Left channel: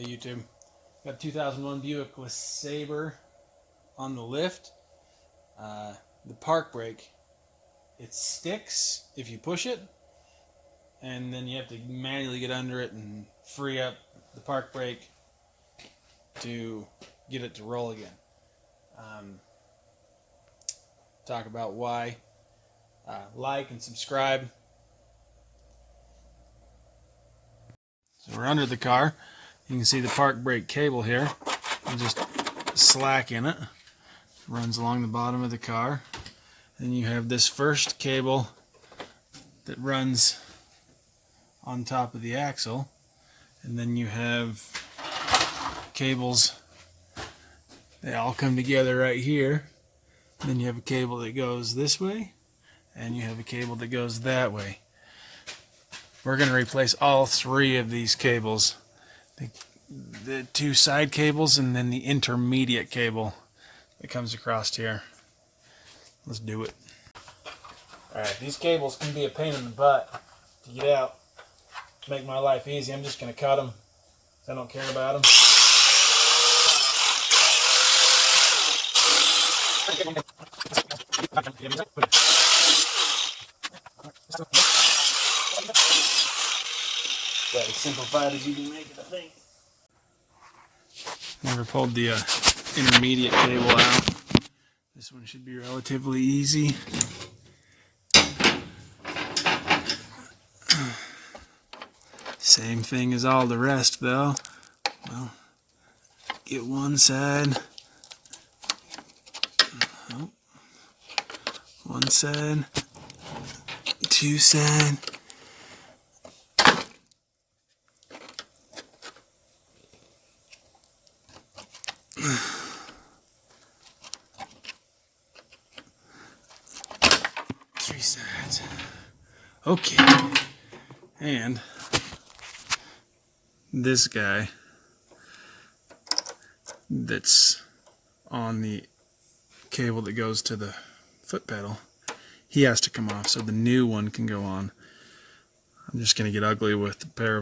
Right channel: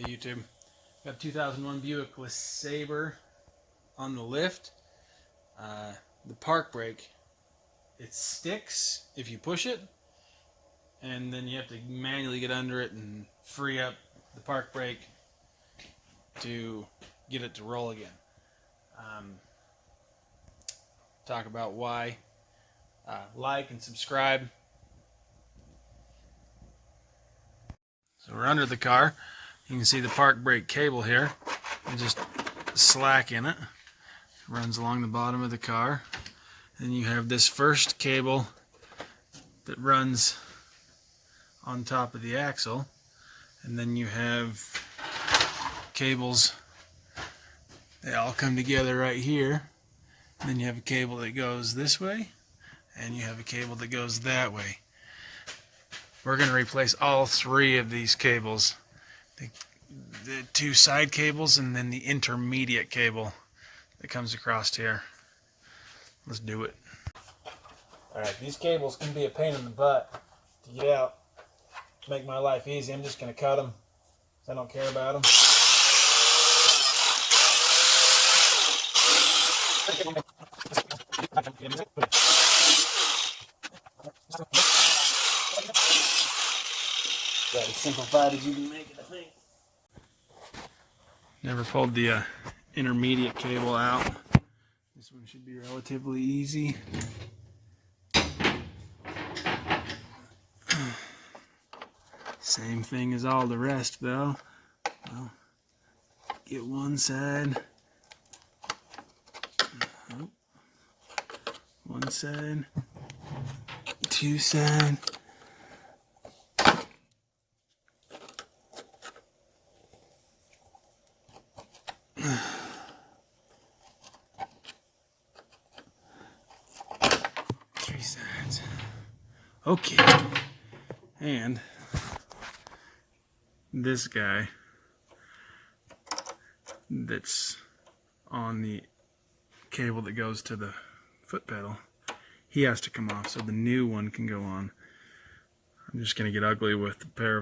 Hey YouTube, got a 2001 Buick LeSabre on the lift. The park brake, it sticks if you push it, and then you have to manually get under it and free up the park brake to get it to roll again. Talk about why. Like and subscribe. So we're under the car. You can see the park brake cable here. There's just slack in it. It runs along the bottom of the car. And you have this first cable that runs on top of the axle. And then you have cables, they all come together right here. And then you have a cable that goes this way, and you have a cable that goes that way. We're going to replace all three of these cables. The two side cables and then the intermediate cable that comes across here. Let's do it. Alright, these cables can be a pain in the butt to get out. To make my life easy, I'm just going to cut them. I don't care about them. About as simplified as you can make it, I think. Never pulled the intermediate cable out. This one should be relatively easy. Same thing as all the rest, though. Well, get one side. Oh. One side. Two side. Three sides. Okay. And this guy that's on the cable that goes to the foot pedal, he has to come off so the new one can go on. I'm just gonna get ugly with a pair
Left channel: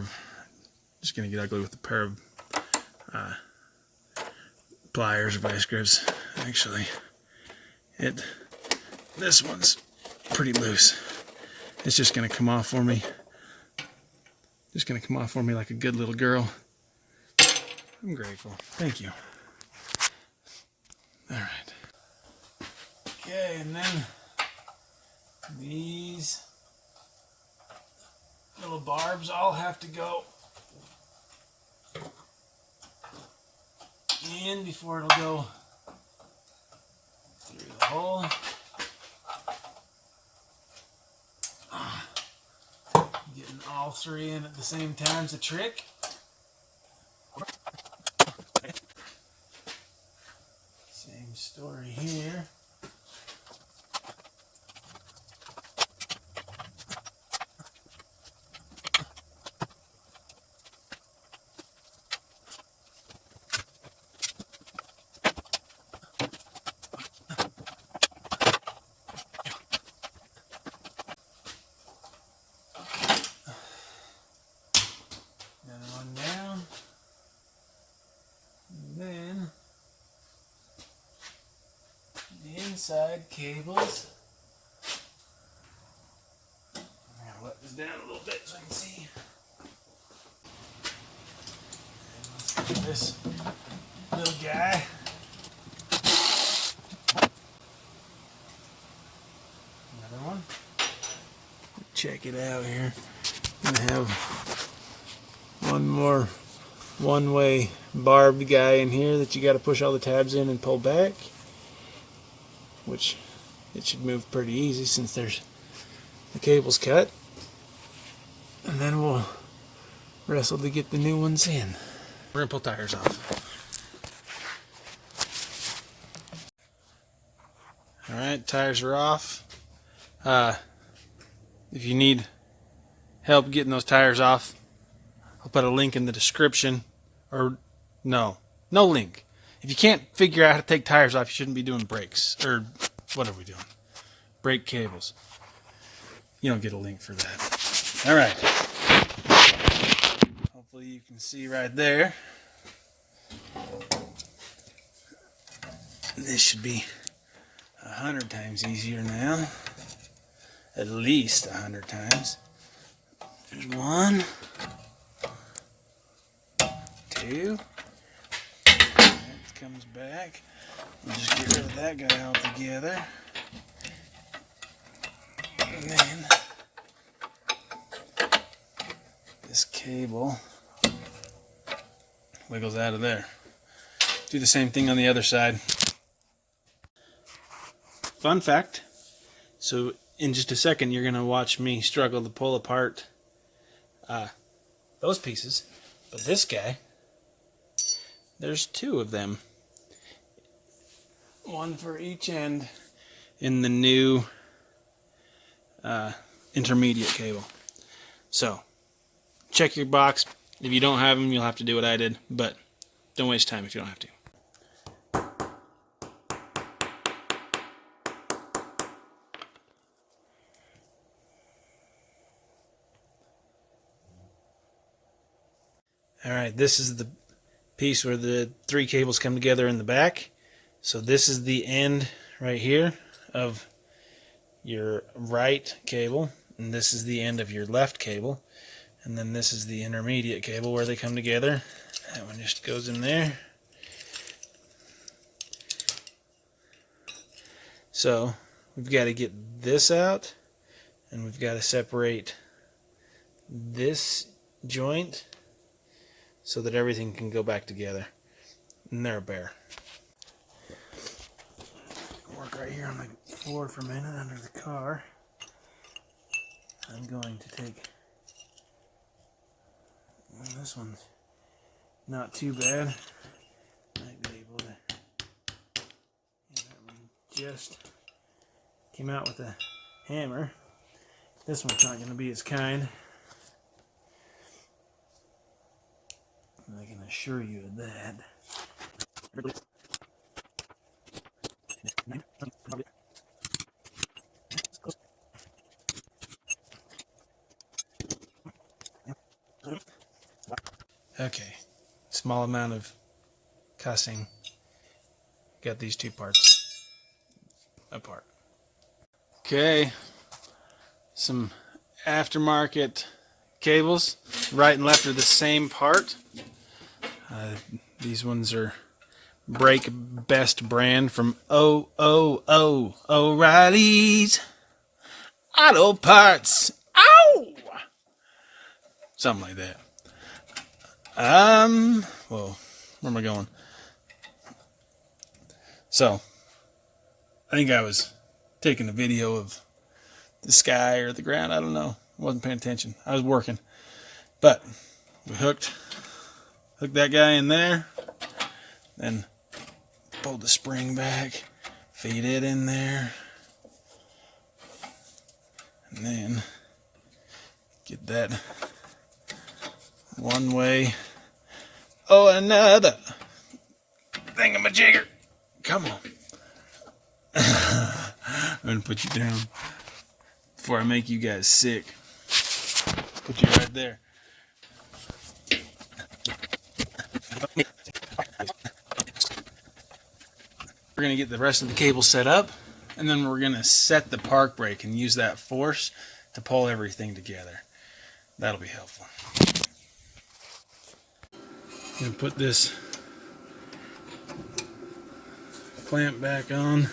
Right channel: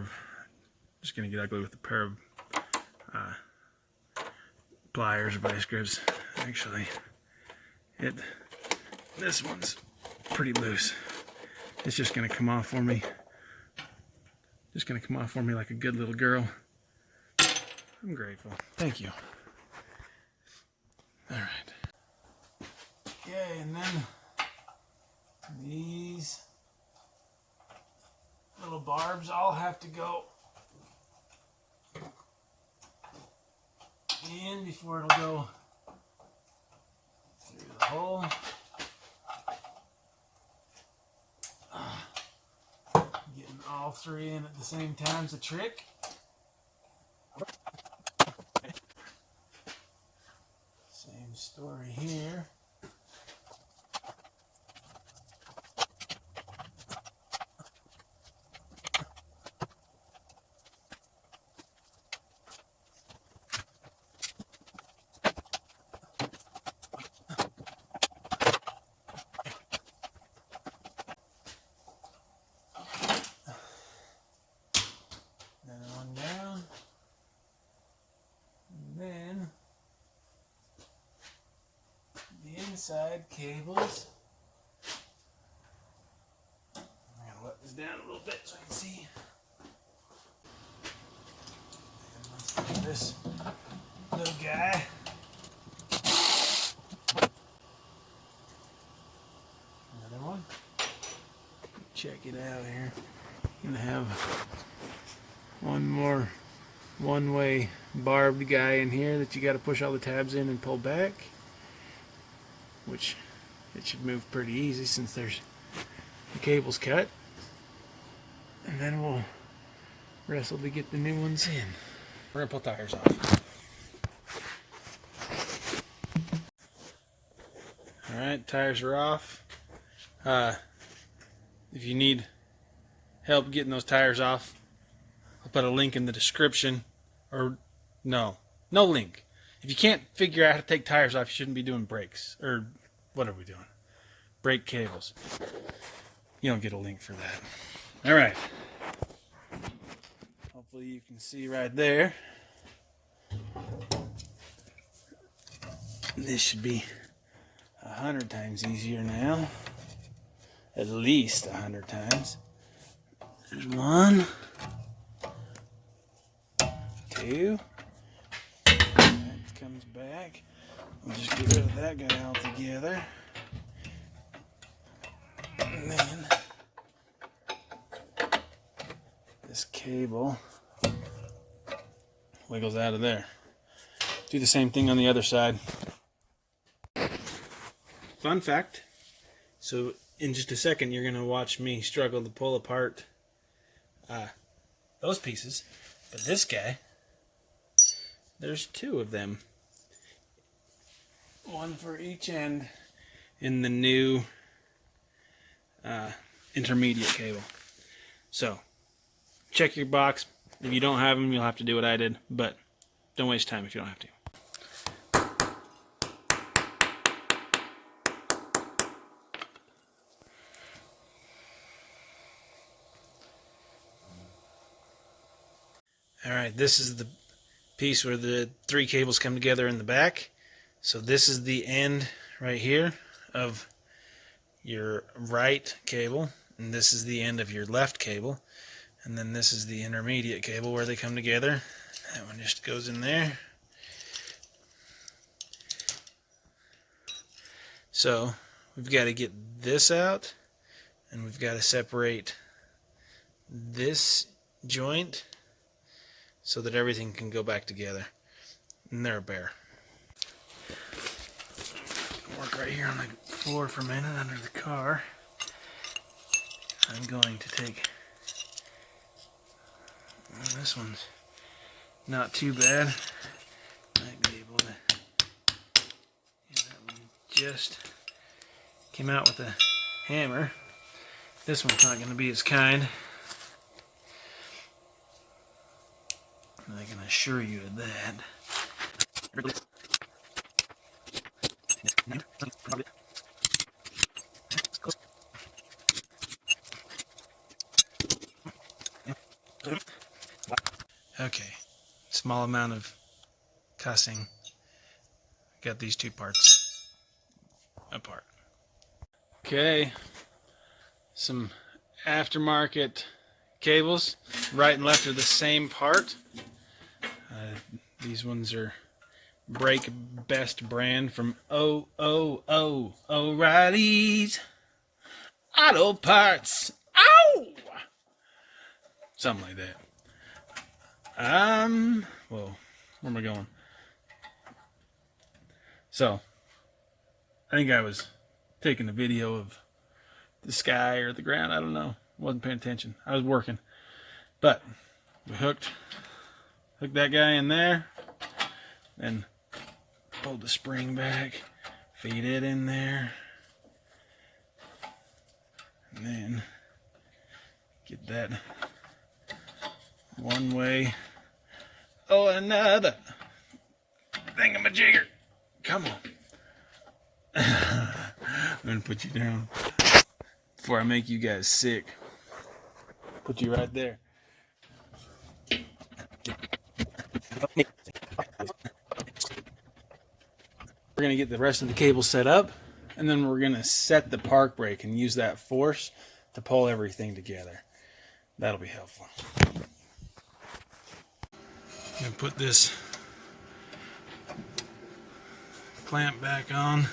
of pliers or vice grips. Actually, this one's pretty loose. It's just gonna come off for me. Just gonna come off for me like a good little girl. I'm grateful. Thank you. All right. Okay, and then these little barbs all have to go in before it'll go through the hole. Getting all three in at the same time's a trick. Same story here. Side cables. I'm gonna let this down a little bit so I can see. And let's do this little guy. Another one. Check it out here. I'm gonna have one more one-way barbed guy in here that you got to push all the tabs in and pull back. Which it should move pretty easy since there's the cable's cut. And then we'll wrestle to get the new ones in. We're gonna pull tires off. Alright, tires are off. If you need help getting those tires off, I'll put a link in the description. Or no link. If you can't figure out how to take tires off, you shouldn't be doing brakes. Or what are we doing? Brake cables. You don't get a link for that. Alright. Hopefully you can see right there. This should be 100 times easier now. At least 100 times. There's 1, 2. That comes back. We'll just get rid of that guy altogether. And then this cable wiggles out of there. Do the same thing on the other side. Fun fact, so in just a second you're going to watch me struggle to pull apart those pieces, but this guy, there's 2 of them. 1 for each end in the new intermediate cable. So check your box. If you don't have them, you'll have to do what I did, but don't waste time if you don't have to. Alright, this is the piece where the 3 cables come together in the back. So this is the end right here of your right cable, and this is the end of your left cable, and then this is the intermediate cable where they come together. That one just goes in there. So we've got to get this out, and we've got to separate this joint so that everything can go back together. And they're a bear. Work right here on the floor for a minute under the car. I'm going to take, well, this one's not too bad. Might be able to, yeah, that one just came out with a hammer. This one's not going to be as kind. I can assure you of that. Okay, small amount of cussing. Got these 2 parts apart. Okay, some aftermarket cables. Right and left are the same part. These ones are Brake Best brand from O'Reilly's Auto Parts. Ow! Something like that. Whoa, where am I going? So, I think I was taking a video of the sky or the ground. I don't know. I wasn't paying attention. I was working. But we hooked that guy in there, then pulled the spring back, feed it in there, and then get that one way. Oh, another thingamajigger. Come on. I'm going to put you down before I make you guys sick. Put you right there. We're going to get the rest of the cable set up, and then we're going to set the park brake and use that force to pull everything together. That'll be helpful. I'm going to put this clamp back on,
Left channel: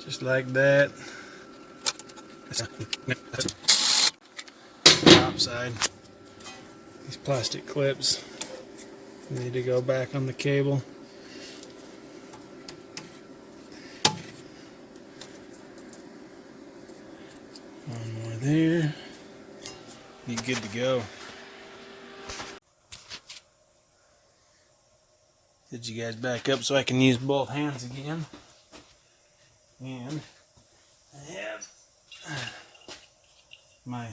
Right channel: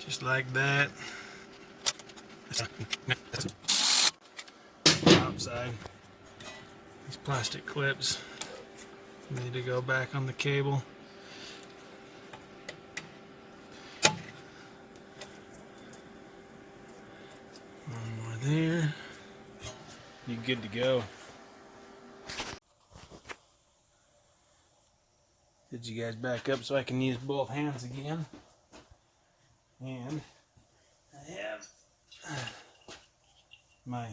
just like that. Top side. These plastic clips need to go back on the cable. One more there. You're good to go. Did you guys back up so I can use both hands again? And I have my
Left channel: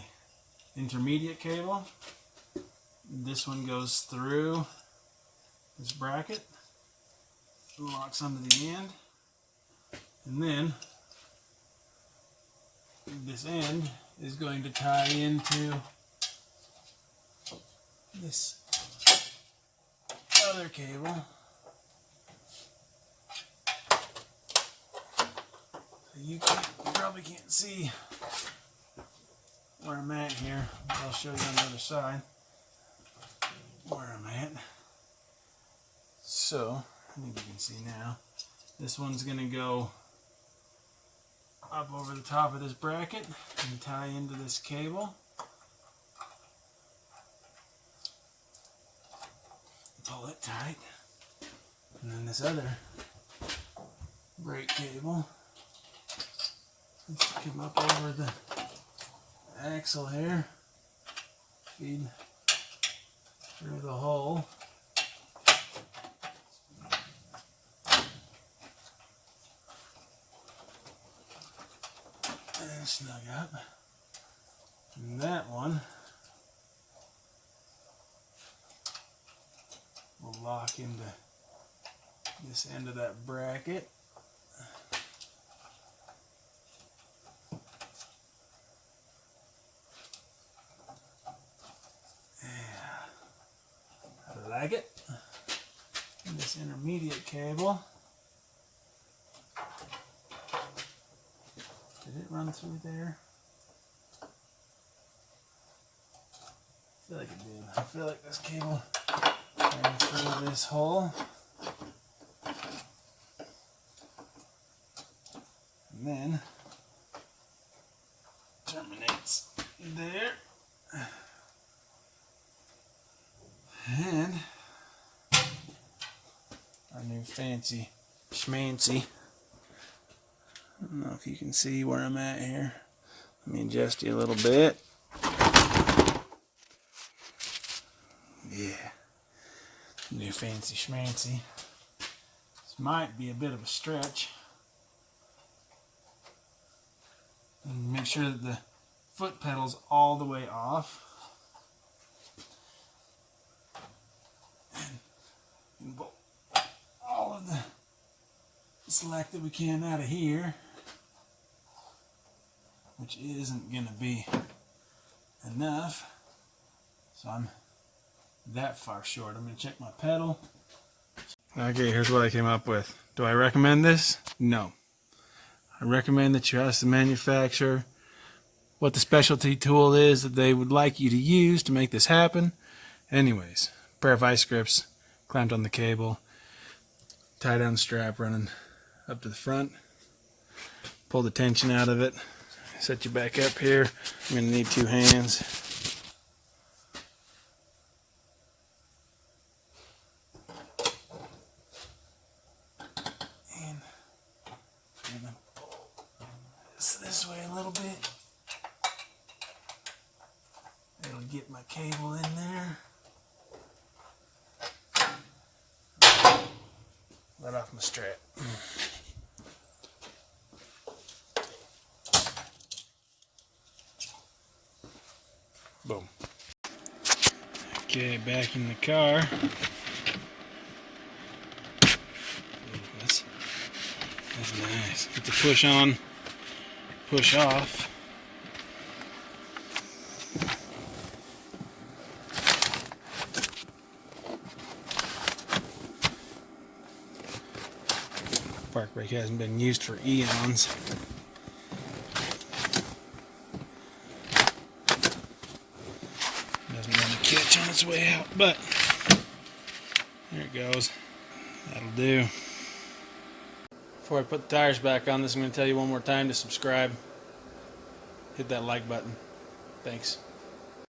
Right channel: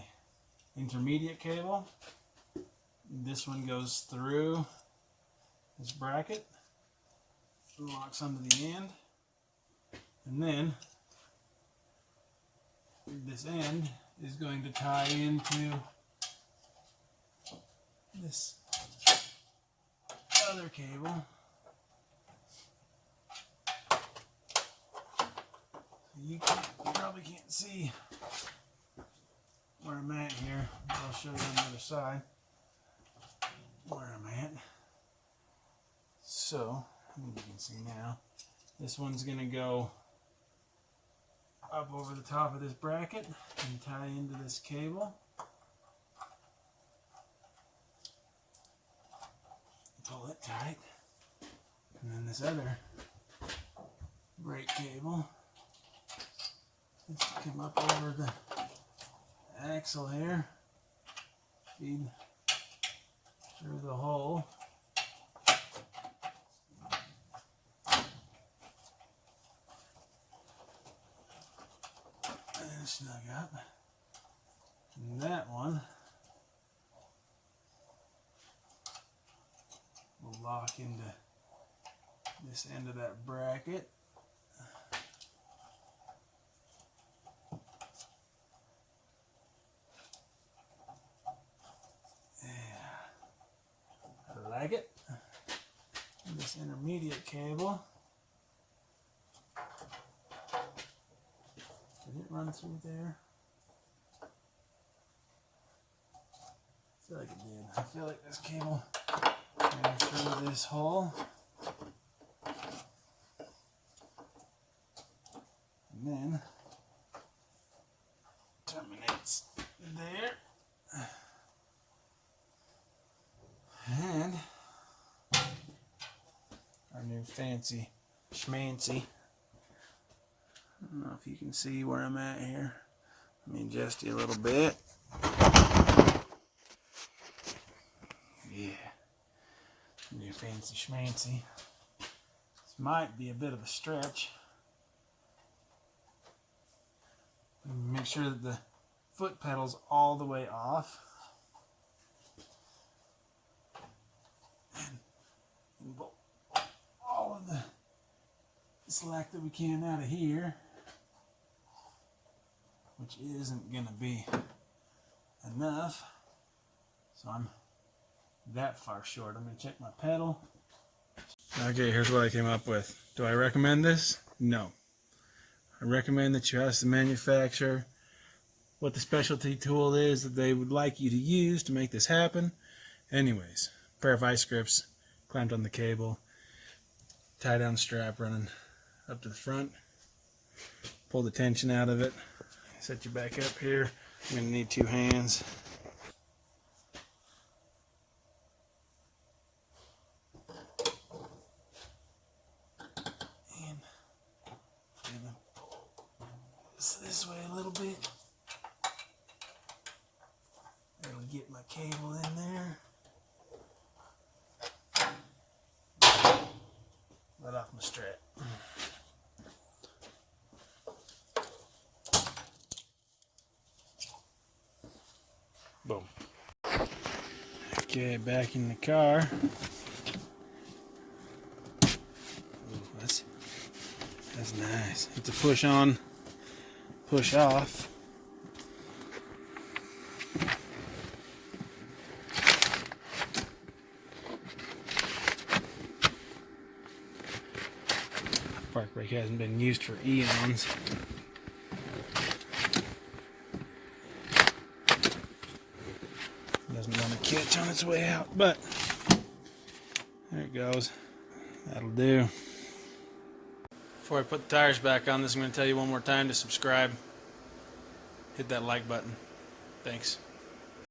intermediate cable. This one goes through this bracket, locks onto the end, and then this end is going to tie into this other cable. You probably can't see where I'm at here. I'll show you on the other side where I'm at. So, I think you can see now. This one's going to go up over the top of this bracket and tie into this cable. Pull it tight. And then this other brake cable needs to come up over the axle here, feed through the hole. And snug up. And that one will lock into this end of that bracket. Like it. And this intermediate cable, did it run through there? I feel like it did. I feel like this cable ran through this hole. And then terminates there. And our new fancy schmancy. I don't know if you can see where I'm at here. Let me adjust you a little bit. Yeah. New fancy schmancy. This might be a bit of a stretch. And make sure that the foot pedal's all the way off. And pull all of the slack that we can out of here, which isn't going to be enough. So I'm that far short. I'm going to check my pedal. Okay, here's what I came up with. Do I recommend this? No. I recommend that you ask the manufacturer what the specialty tool is that they would like you to use to make this happen. Anyways, pair of vice grips clamped on the cable, tie down strap running up to the front, pull the tension out of it, set you back up here. I'm going to need 2 hands. And I'm going to pull this way a little bit. That'll get my cable in there. Let off my strap. Boom. Okay, back in the car. Ooh, that's nice. Get the push on, push off. Park brake hasn't been used for eons. Doesn't want to catch on its way out, but there it goes. That'll do. Before I put the tires back on this, I'm going to tell you one more time to subscribe. Hit that like button. Thanks.